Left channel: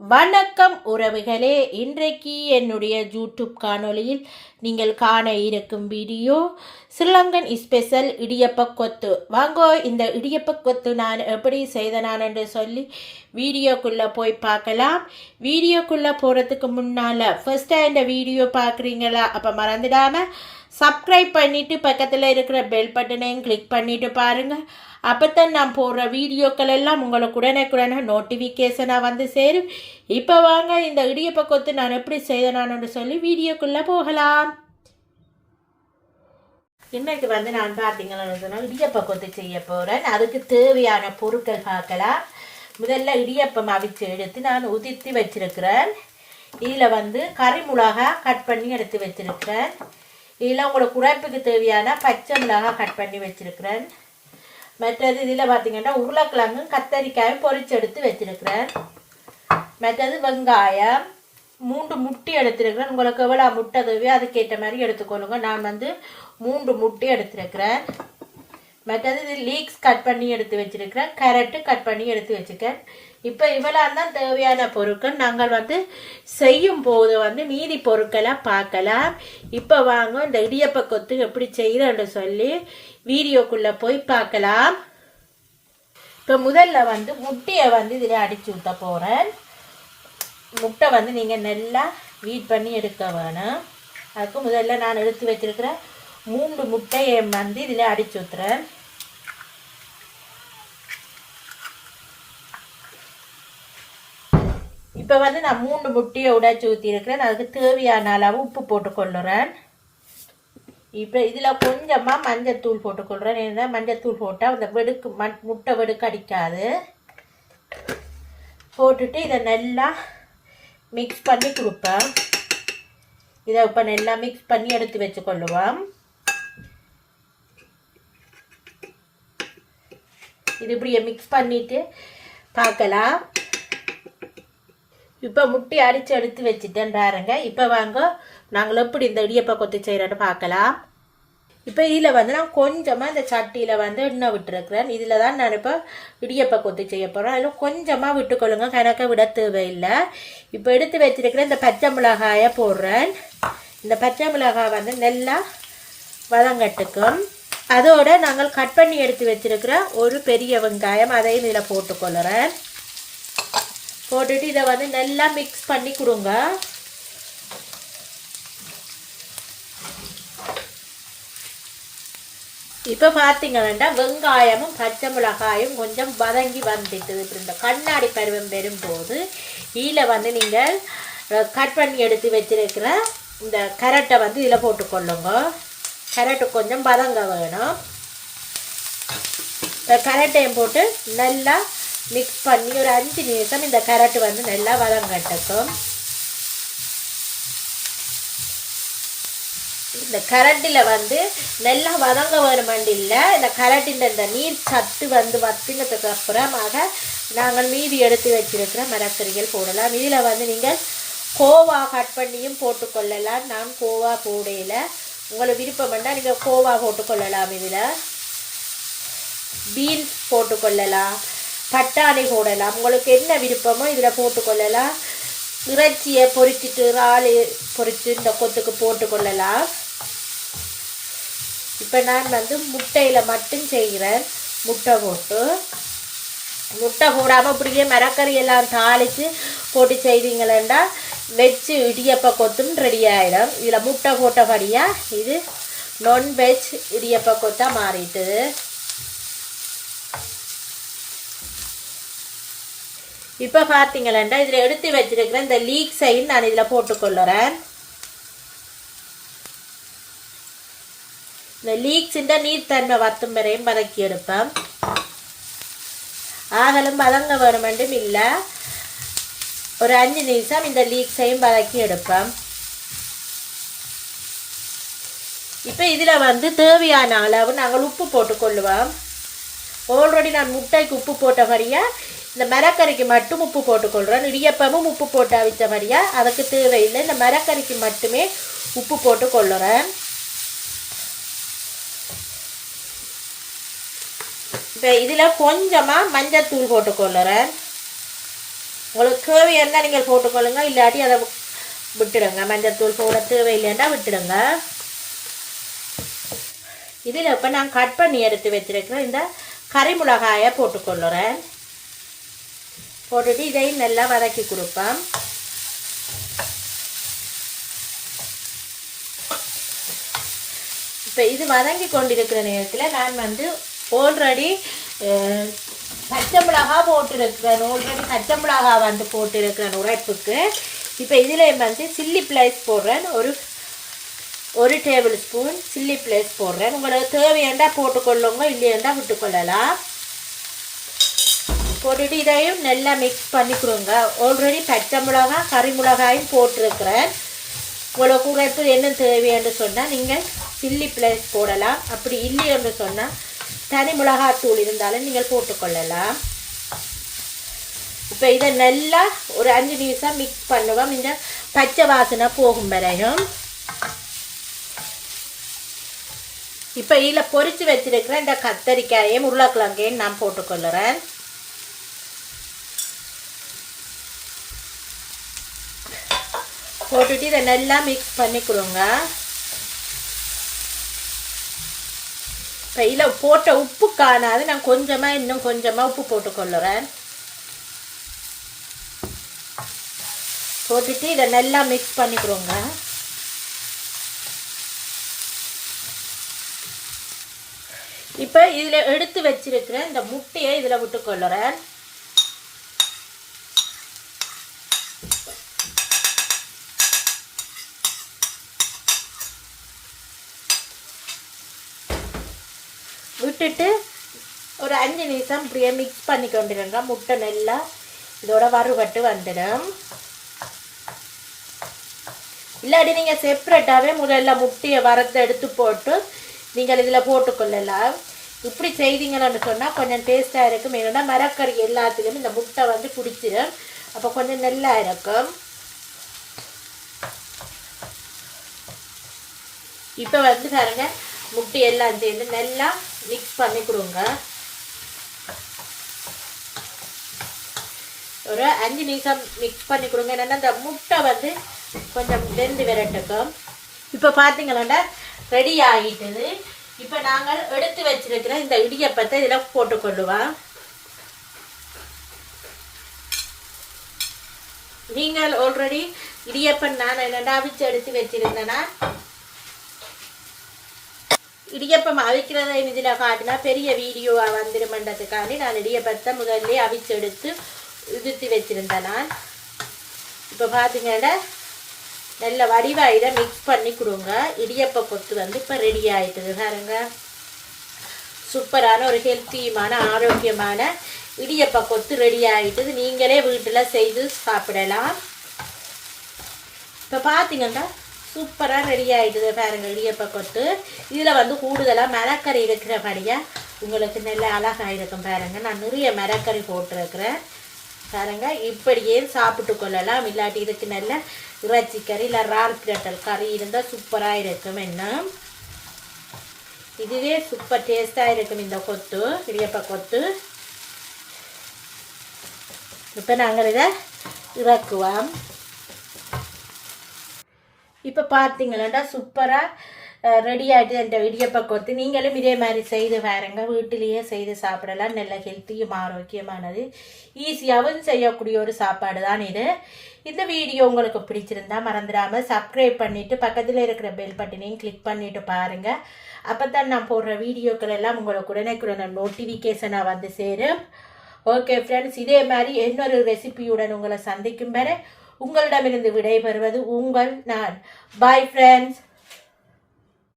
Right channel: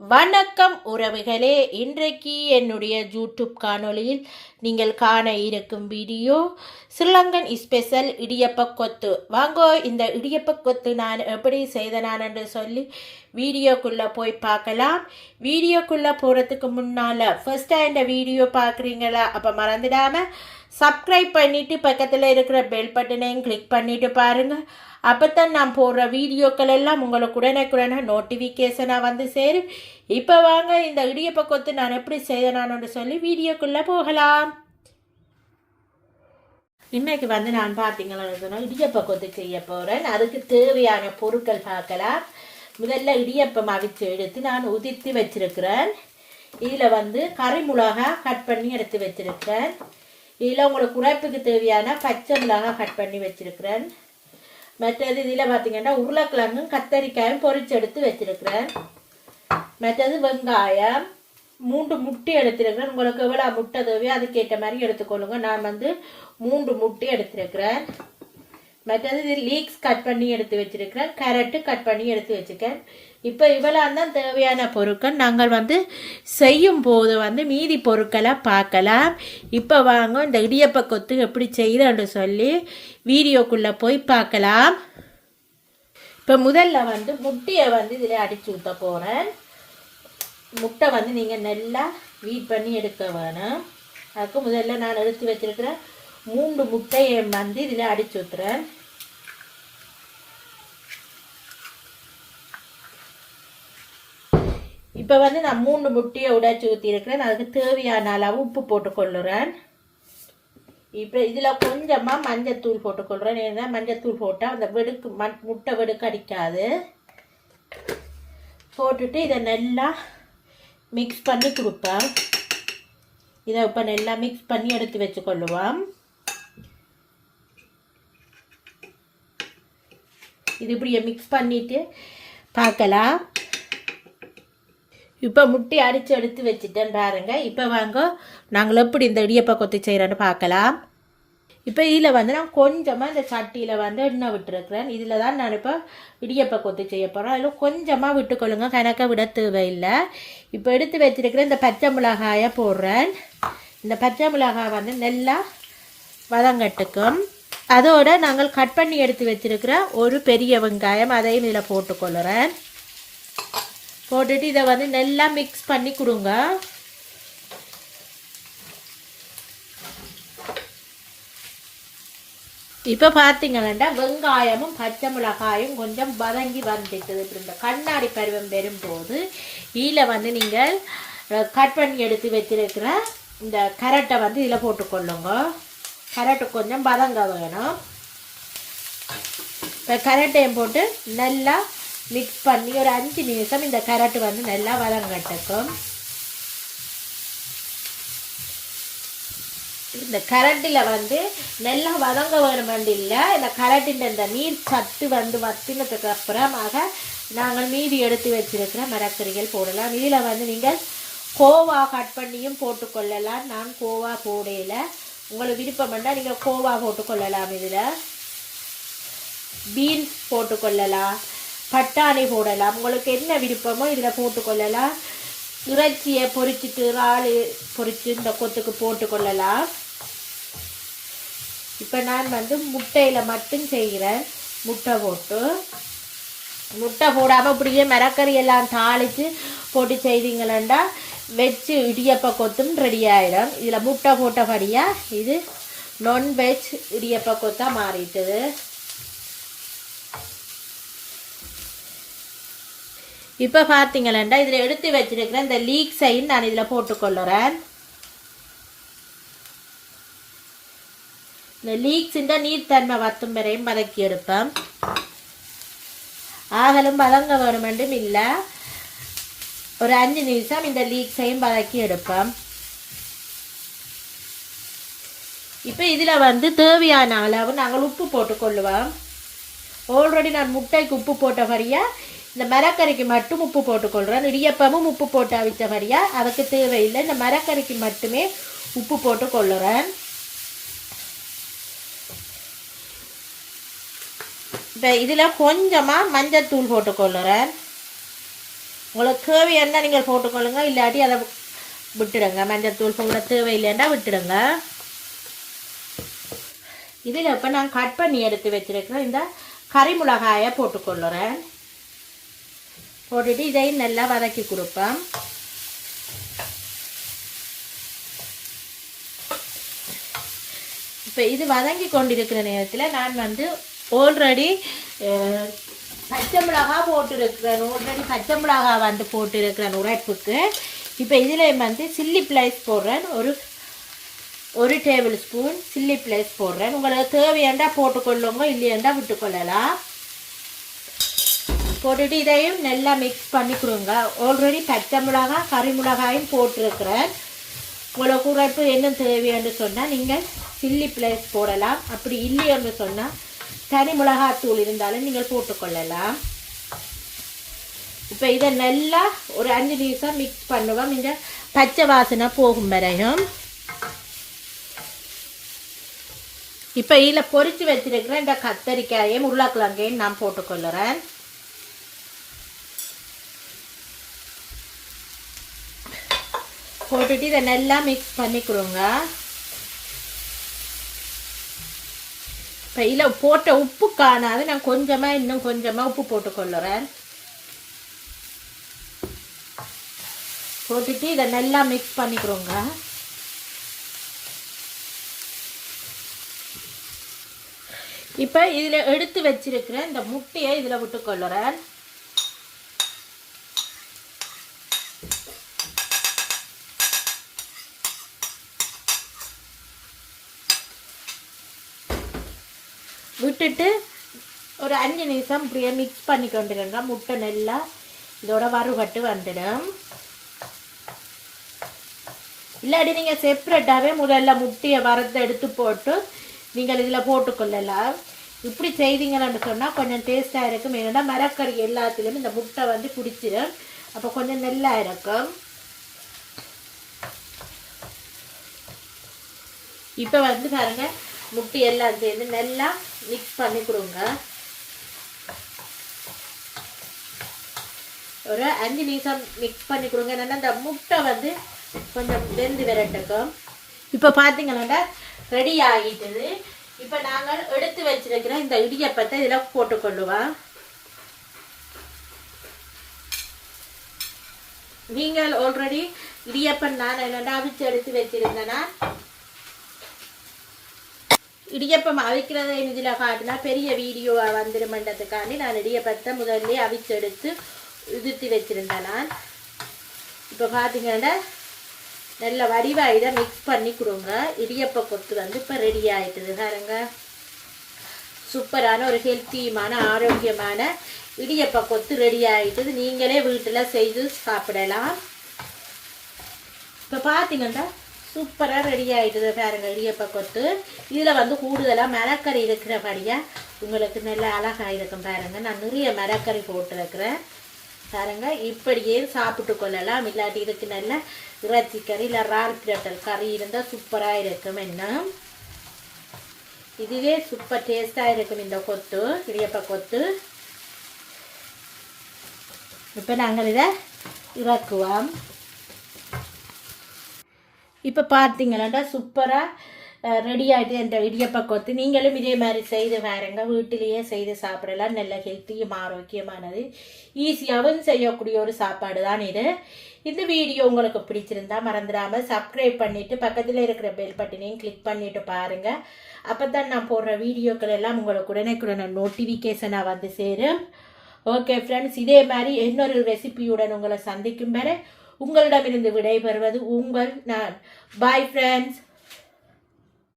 வணக்கம் உறவுகளே. இன்றைக்கு என்னுடைய யூடியூப் காணொளியில் நீங்கள் காண இருக்கும் வீடியோ ஸ்ரீலங்கன் ஸ்பெஷல் இடியப்ப கொத்து. வாங்கோ இந்த இடியப்ப கொத்து நான் எப்படி செய்தனான் என்று சொல்லி வீடியோக்குள்ளே போய் பார்க்கலாம். வீடியோக்குள்ளே போகிறதுக்கு முன்னால் ஃபஸ்ட்டாக இந்த வீடியோ பார்க்குறீங்களா? அப்போ மறந்துடாமல் சப்ஸ்கிரைப் பண்ணிவிட்டு பக்கத்தில் இருக்கிற பெல் பட்டனையும் கிளிக் பண்ணிவிட்டு பாருங்கள் அப்போ தான் நான் போடுற வீடியோக்கள் எல்லாம் உங்களுக்கு உடனே நோட்டிஃபிகேஷனாக வந்து சேரும். இப்போ வாங்க இந்த இடியப்ப கொத்து நான் எப்படி செய்தனான்னு சொல்லி வீடியோக்குள்ளே போகலாம். இன்றைக்கு வந்து நான் பார்த்தீங்கன்னா சொன்னால் இடியப்ப கொத்து செய்ய போகிறேன் அதுக்கு தேவையான பொருட்கள் பார்க்கலாம். முதல்ல இடியப்பம் அவிச்சு எடுத்து நான் உதிர்த்தி வச்சிருக்கிறேன். இதில் வந்து கறி மிளகா கட் பண்ணி எடுத்து வச்சிருக்கிறேன். இதில் உங்களோட உரைப்புக்கு தேவையான பச்சை மிளகா கட் பண்ணி வச்சிருக்கிறேன். மற்றது இதில் பார்த்தீங்கன்னா உருளைக்கிழங்கும் கத்தரிக்காயும் பொரிச்சு எடுத்து வச்சிருக்கிறேன். மற்றது வெங்காயம் மூன்று முட்டை எடுத்திருக்கிறேன். உங்களுக்கு எவ்வளோ முட்டை தேவையோ அதுக்கேற்ற மாதிரி எடுத்துக்கொள்ளுங்க. நான் வந்து மூன்று முட்டி எடுத்திருக்கிறேன். மற்றது இது லீக்ஸ் கட் பண்ணி எடுத்து வச்சுருக்கிறேன். கேரட்டு கட் பண்ணி எடுத்து வச்சுருக்கேன் இப்போ இவ்வளோ தான் தேவையான பொருட்கள். நாங்கள் வந்து செய்யும் போது வந்து மீதி பொருட்களை பார்க்கலாம். இப்போ வாங்க இந்த இடியப்ப கொத்து எப்படி செய்கிறேன்னு சொல்லி வீடியோக்குள்ளே போய் பார்க்கலாம். இப்போ முதல்ல வந்து முட்டையை வந்து இதில் அடித்து ஊற்ற போகிறேன் முட்டை வந்து நீங்கள் நல்லா வீட் பண்ணி எடுக்க வேணும். அதுக்கு முதல்ல நான் எடுத்து வச்சுருக்கிறேன் மூன்று முட்டையை வந்து இதில் அடித்து ஊற்றுறேன் இப்போ வந்து நான் மூணு முட்டையை உடைச்சி ஊற்றிருக்கிறேன் அதுக்கு தேவையான அளவு உப்பு போட்டுக்கொள்ளுறேன். இப்போ இதில் கொஞ்சமாக மஞ்சத்தூள் போட்டுக்கொள்கிறேன் ஏன்னா மஞ்சத்தூள் போட்டால் அந்த வெடுக்கு மண் முட்டை வெடுக்கு அடிக்காது. போட்டுட்டு இதை நல்லா மிக்ஸ் பண்ணி கொடுப்பேன். இதை இப்போ நல்லா மிக்ஸ் பண்ணி எடுத்து வச்சுக்கொள்ளுவோம். இது இப்படியே மிக்ஸ் பண்ணிவிட்டு பார்க்கலாம். இப்போ முட்டி அடித்து எடுத்து வச்சுட்டேன் பாருங்க. இப்போ வாங்க நாங்கள் எப்படி இந்த இடியப்பை கொத்து செய்கிறேன்னு பார்க்கலாம். இப்போ இதில் வந்து நான் கொஞ்சமாக இந்த சட்டியில் வந்து எண்ணெய் விட்டுருக்குறேன். இதில் தான் நான் இப்போ இடியப்ப கொத்து செய்ய போகிறேன் அதில் கொஞ்சமாக விட்டுக்கொள்ளுங்க கணக்கை விட தேவையில்லை. இப்போ எடுத்து வச்சிருக்கிற இந்த பச்சை மிளகாயை போடுறேன். இந்த பச்சை மிளகாய் வந்து நல்லா வதங்கட்டுக்கும் அதோட நாங்கள் கட் பண்ணி எடுத்து வச்சிருக்கிற ஒரு பெரிய வெங்காயம் அதையும் இதில் போட்டுக்கொள்ளுறேன். போட்டுட்டு இதை வந்து நல்லா மிக்ஸ் பண்ணி கொடுங்க. இப்போ பார்த்தீங்கன்னா வெங்காயமும் பச்சை மிளகாயும் கொஞ்சம் வதங்கி வந்துட்டுது. இந்த கண்ணாடி பருவம் வரும்போது இதில் வந்து நீங்கள் கட் பண்ணி எடுத்து வச்சிருக்கிற இந்த கரட்டை வந்து இதில் போட்டுக்கொள்ளுங்க. கரட்டு கொஞ்சம் வதங்க வேணும். இந்த கரட்டையும் போட்டு நல்லா மிக்ஸ் பண்ணி ஒரு அஞ்சு நிமிஷம் இந்த கேரட் வந்து நல்லா வதங்கட்டுக்கும் இந்த கரண்டில் வந்து நல்லா வதங்க வேணும் இல்லை. இந்த கரண்டின் இந்த நீர் சத்து வந்து வத்தினதுக்கு அப்புறமாக நாங்கள் மீதி எடுத்து வச்சிருக்கிற மரக்கறிகள் போடலாம். இதில் வந்து நீங்கள் கோவா கட் பண்ணியும் போட்டுக்கொள்ளலாம் நான் கோவா போடையில் உங்களுக்கு விருப்பம் பண்ணால் நீங்கள் கோவா போட்டுக்கொள்ளலாம் இதில். பீன்ஸ் போட்டுக்கொள்ளலாம் பட்டாணி போடலாம். உங்களுக்கு என்ன விருப்பமோ இதில் போட்டுக்கொள்ளலாம். இறைச்சியை பொறிச்சிட்டு இறால் பொரித்து இந்த கொத்துக்கு போட்டுக்கொள்ளலாம். இப்போ நான் வந்து முட்டையில் மட்டும் செய்கிறேன். முட்டை போட்டு. முட்டை போடாமல் இப்படியே மரக்கறி எல்லாம் தாளித்து போட்டு செய்வீங்களேண்டா. வச்சு இடியப்ப கொத்தும் ரெடி ஆகிடும் இதில் முட்டை போட்டபடியாக இது நான்வெஜ் இடியப்ப கொத்தாக மாறிட்டுது இப்போ பார்த்தீங்களா இதில் எடுத்து வச்சிருக்கிற இந்த லீக் சைன் நான் இதில் போட்டுக்கொள்ளுறேன். இந்த லீக்ஸிൻ്റെ நீர்த்தன்மை வத்தும் வரையும் வதக்கி எடுப்பேன். ஆகலும் வதங்க வேணுமெண்டும் இல்லை. ஒரு அஞ்சு நிமிஷம் இந்த லீக்ஸையும் வதக்கி எடுப்பேன். இப்போ இதில் வந்து தேவையான அளவு நாங்கள் உப்பு போட்டுக்கொள்ளுவோம். ஆல்ரெடி நான் முட்டைக்கு உப்பு போட்ட மாதிரியா இந்த மரக்கறிக்கு மட்டும் உப்பு போட்டுக்கொள்கிறேன் இடியப்பமும் உப்பு போட்டு அவிச்சபடியா அதுக்கு தேவையில்லை. இந்த மரக்கறிக்கு மட்டுமே உப்பு போட்டு கொள்ளுறேன் இந்த இதில் கொஞ்சமாக மஞ்சத்தூள் போட்டுக்கொள்ளுறேன். உங்களுக்கு தேவையான நீங்கள் போட்டுக்கொள்ளுங்க. இல்லாட்டி அதை விட்டுடுங்க. மஞ்சத்தூள் போட தேவையில்லைன்னா விட்டுடுங்க. இதில் இப்போ நான் கட் பண்ணி எடுத்து வச்சிருக்கிறேன். இந்த கறி மிளகாயை போட்டுக்கொள்ளுறேன் போட்டுட்டு இதையும் நல்லா வதக்கி கொடுப்பேன். இப்போ இது வதங்கி கொண்டிருக்கிற நேரத்தில் நான் வந்து ஆல்ரெடி பச்சை மிளகா போட்டிருக்கிறேன். ஆல்ரெடி பச்சை மிளகா வந்து போட்டிருக்கிறேன் உரைப்புக்கு. இப்போ இதில் வந்து சில்லி பிளைஸ் போடுறேன். ஒரு ஒரு டேபிள் ஸ்பூன் சில்லி பிளேஸ் போடுறேன். உங்களுக்கு தேவையாண்டா போட்டுக்கொள்ளுங்க இல்லையாண்டா விட்டுக்கொள்ளலாம். போட்டுட்டு இதையும் நல்லா மிக்ஸ் பண்ணிக்கிறோங்க ஆல்ரெடி பச்சை மிளகா கறி மிளகாயும் போட்டிருக்கிறேன். உங்களுக்கு உரைப்பு என்ன தேவையான்னு சொன்னால் நீங்கள் சில்லி பிளேஸ் போடலாம். அப்படி இல்லைன்னு சொன்னால் தனி மிளகாத்தூள் இருந்தாலும் நீங்கள் போட்டுக்கொள்ளலாம். இப்போ இதை நல்லா ஒரு அஞ்சு நிமிஷம் மிக்ஸ் பண்ணுவோம். இந்த பச்சை வாசனை போகும் வரையும். இப்போ இதில் பொரிச்சு வச்சிருக்கிற இந்த கத்தரிக்காயையும் உருளைக்கிழங்கையும் நான் போட்டுக்கொள்ளுறேன். போட்டுட்டு இதை நல்லா மிக்ஸ் பண்ணிக்கிறோங்க இப்போ இதில் போட்ட உப்பு காணாது. நான் கொஞ்சமாக இன்னும் கொஞ்சமாக உப்பு போட்டுக்கொள்ளுறேன். போட்டுட்டு இதை நல்லா மிக்ஸ் பண்ணிக்கிறோங்க இப்போ இதில் எடுத்து வச்சிருக்கிற இந்த முட்டையை இதில் விட்டுக்கொள்ளுறேன். விட்டுட்டு ஒரு அஞ்சு நிமிஷம் இப்படியே மிக்ஸ் பண்ணி கொண்டுருங்க. முட்டை நல்லா இதோட வறுபட்டு வந்துடும். இல்லாட்டி நீங்கள் செப்பரேட்டாகவே முதல்ல முட்டையை வறுத்து எடுத்து போட்டு நீங்கள் இதில் போட்டுக்கொள்ளலாம். இப்படி செய்தீங்கன்னு சொன்னால் கொஞ்சம் டேஸ்ட்டாக இருக்கும். ஏன்னா மரக்கறி எல்லாத்துலேயும் இந்த முட்டை வந்து பிடிச்சிடும் அப்போ கொஞ்சம் நல்லா இருக்கும். இப்போ வந்து பாருங்க முட்டை எல்லாம் சேர்ந்து நல்லா மிக்ஸ் பண்ணி கொடுங்க. ஒரு அஞ்சு நிமிஷம் மிக்ஸ் பண்ணி கொடுங்க. என்னென்னா இந்த முட்டை வந்து கொஞ்சம் வெந்து விரட்டுக்கும் இப்போ பார்த்தீங்கன்னா ரெடி ஆகிட்டது. இப்போ நாங்கள் எடுத்து வச்சிருக்கிற இந்த இடியப்பத்தை இதில் போட்டுக்கொள்ளுவோம். நீங்கள் ஆல்ரெடி இடியப்பன் நான் என்னடா அவிச்சு எடுத்து வச்சிருந்தேன்னா இடியப்பம் அவிக்கிறத இதில் காட்டினா பெரிய வீடியோவாக வந்துருமன்றதுக்காண்டி நான் இடியப்பத்தை முதல்ல அவிச்சு எடுத்து உதிர்த்தி வச்சிருந்தேன். நான் இப்போ பார்த்தீங்கன்னா நல்ல வடிவாக இதை மிக்ஸ் பண்ணி கொடுங்க. இடியப்ப கொத்து வந்து இப்போ ரெடி ஆகிட்டுது பாருங்க. சூப்பரான ஒரு ஹெல்த்தியுமான ஆரோக்கியமான இடியப்ப கொத்து ரெடி ஆகிட்டுது நீங்களே வீட்டில் செய்து சாப்பிடலாம். இப்போ பார்த்தீங்கன்னா சூப்பராக ரெடி ஆயிட்டுது பாருங்க இடியப்ப கொத்து. இதில் வந்து கூடுதலாக மரக்கறி இருக்கிறபடியாக உங்களுக்கு நல்ல அழகாக இருக்கும் பாருங்கள் நான் நிறைய மரக்கறி போட்டிருக்கிறேன். பாருங்க இப்படியே சாப்பிட்டு கொள்ளலாம். இல்லாட்டி இதுக்கு நல்ல இறைச்சி கறி இல்லை ரால் பிரட்டல் கறி இருந்தால் சூப்பராக இருக்கும். என்ன? இதுவே சூப்பர் டேஸ்ட்டாக இருக்கும் இந்த கொத்து இடியப்ப கொத்து. இப்போ நாங்கள் இதை இறக்குவோம். இப்போ பார்த்தீங்களா சூப்பராக ரெடி ஆகிட்டு என்ற இடியப்ப கொத்து நீங்களும் இதே மாதிரி செய்து பாருங்க. வீட்டிலேயே செய்து சாப்பிடலாம். நல்ல ஹெல்த்தியும் ஆரோக்கியமானது. ஈஸியாகவும் செய்யக்கூடிய ஒரு சாப்பாடு தான் இது. இந்த வீடியோ உங்களுக்கு பிடிச்சிருந்தா மறந்துடாமல் சப்ஸ்கிரைப் பண்ணிவிட்டு பக்கத்தில் இருக்கிற பெல் பட்டனையும் கிளிக் பண்ணிவிட்டு பாருங்கள் அப்போ தான் நான் போடுற வீடியோக்கள் எல்லாம் உங்களுக்கு உடனே நோட்டிஃபிகேஷனாக வந்து சேரும். ஓகே ஃப்ரெண்ட்ஸ் இதே மாதிரி இன்னொரு ரெசிபியுடன் உங்களை சந்திக்கும் வரை உங்களிடமிருந்து விடைபெறுவது உங்கள் நான். Bye friends